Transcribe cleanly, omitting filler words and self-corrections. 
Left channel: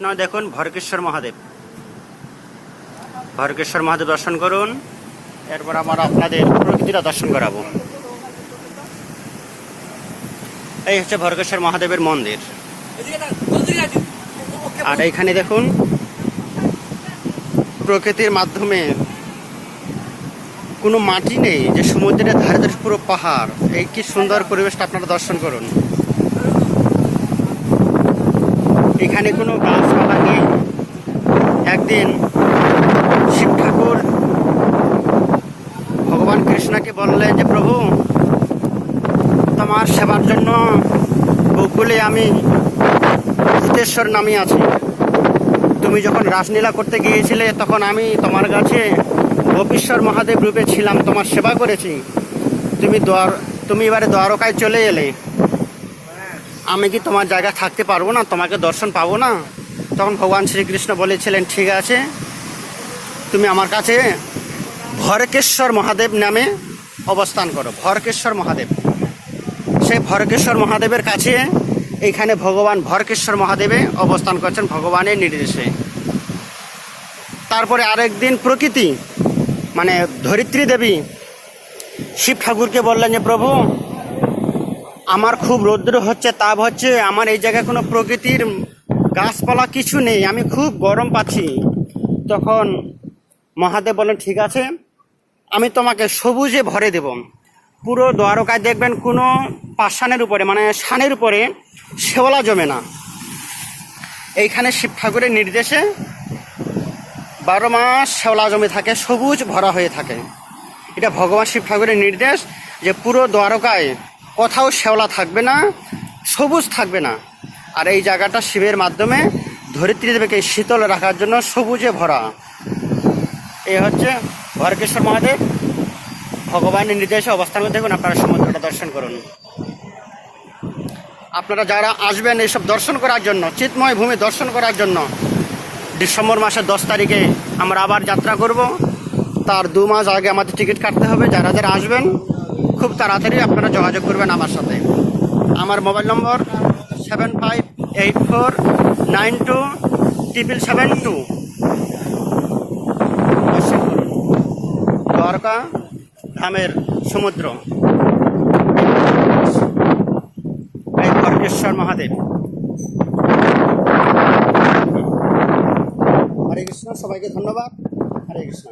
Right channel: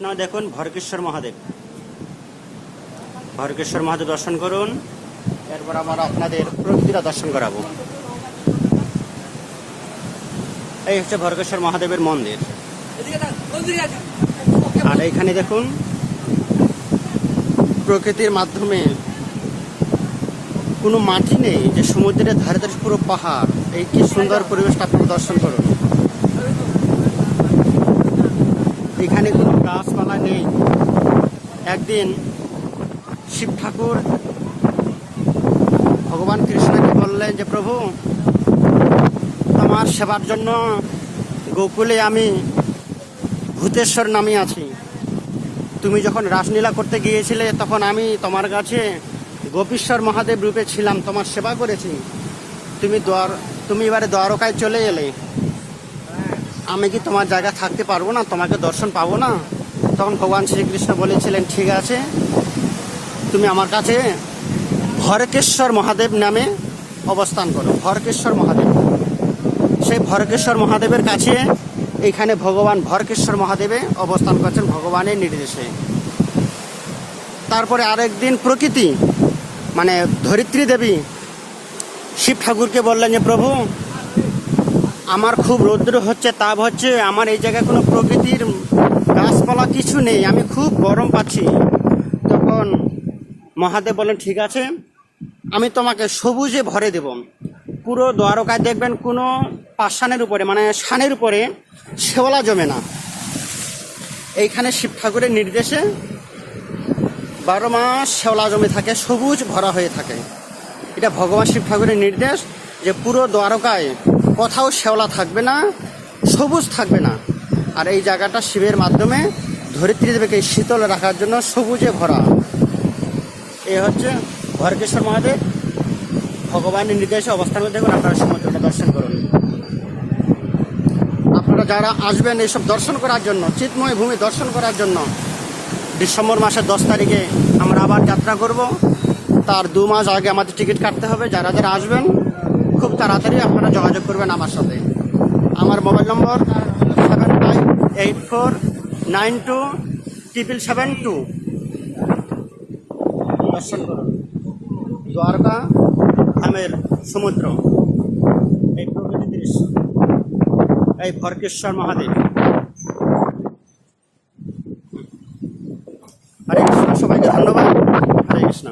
দেখুন ভরকেশ্বর মহাদেব দর্শন করুন। এরপর আমরা আপনাদের প্রকৃতিটা দর্শন করাবো। এই হচ্ছে ভরকেশ্বর মহাদেবের মন্দির। আর এইখানে দেখুন প্রকৃতির মাধ্যমে কোনো মাটি নেই, যে সমুদ্রের ধারে ধারে পুরো পাহাড়। এই কি সুন্দর পরিবেশটা আপনারা দর্শন করুন। এখানে কোনো গাছপালা নেই। একদিন শিব ঠাকুর ভগবান কৃষ্ণকে বললেন যে প্রভু, তোমার সেবার জন্য গোকুলে আমি ভূতেশ্বর নামে আছি। তুমি যখন রাসলীলা করতে গিয়েছিলে তখন আমি তোমার কাছে গোপীশ্বর মহাদেব রূপে ছিলাম, তোমার সেবা করেছি। তুমি এবারে দ্বারকায় চলে এলে, আমি কি তোমার জায়গায় থাকতে পারবো না? তোমাকে দর্শন পাবো না? তখন ভগবান শ্রীকৃষ্ণ বলেছিলেন, ঠিক আছে, তুমি আমার কাছে ভরকেশ্বর মহাদেব নামে অবস্থান করো। ভরকেশ্বর মহাদেব, সেই ভরকেশ্বর মহাদেবের কাছে এইখানে ভগবান ভরকেশ্বর মহাদেবে অবস্থান করছেন ভগবানের নির্দেশে। তারপরে আরেকদিন প্রকৃতি মানে ধরিত্রী দেবী শিব ঠাকুরকে বললেন যে প্রভু, আমার খুব রৌদ্র হচ্ছে, তাপ হচ্ছে, আমার এই জায়গায় কোনো প্রকৃতির গাছপালা কিছু নেই, আমি খুব গরম পাচ্ছি। তখন মহাদেব বলেন, ঠিক আছে, আমি তোমাকে সবুজে ভরে দেব। পুরো দ্বারকায় দেখবেন কোনো পাষাণের উপরে মানে শানের উপরে শেওলা জমে না। এইখানে শিব ঠাকুরের নির্দেশে 12 মাস শেওলা জমে থাকে, সবুজ ভরা হয়ে থাকে। এটা ভগবান শিব ঠাকুরের নির্দেশ যে পুরো দ্বারকায় কোথাও শেওলা থাকবে না, সবুজ থাকবে না। আর এই জায়গাটা শিবের মাধ্যমে ধরিত্রী দেবীকে শীতল রাখার জন্য সবুজে ভরা। এই হচ্ছে ভরকেশ্বর মহাদেব ভগবানের নির্দেশে অবস্থান করে। দেখুন, আপনারা সমুদ্রটা দর্শন করুন। আপনারা যারা আসবেন এইসব দর্শন করার জন্য, চিৎময় ভূমি দর্শন করার জন্য, ডিসেম্বর মাসের 10 তারিখে আমরা আবার যাত্রা করব। তার 2 মাস আগে আমাদের টিকিট কাটতে হবে। যারা যারা আসবেন খুব তাড়াতাড়ি আপনারা যোগাযোগ করবেন আমার সাথে। আমার মোবাইল নম্বর 7584927772। দর্শন করুন দ্বারকা ধামের সমুদ্র, এই ভরকেশ্বর মহাদেব। হরে কৃষ্ণ, সবাইকে ধন্যবাদ। হরে কৃষ্ণ।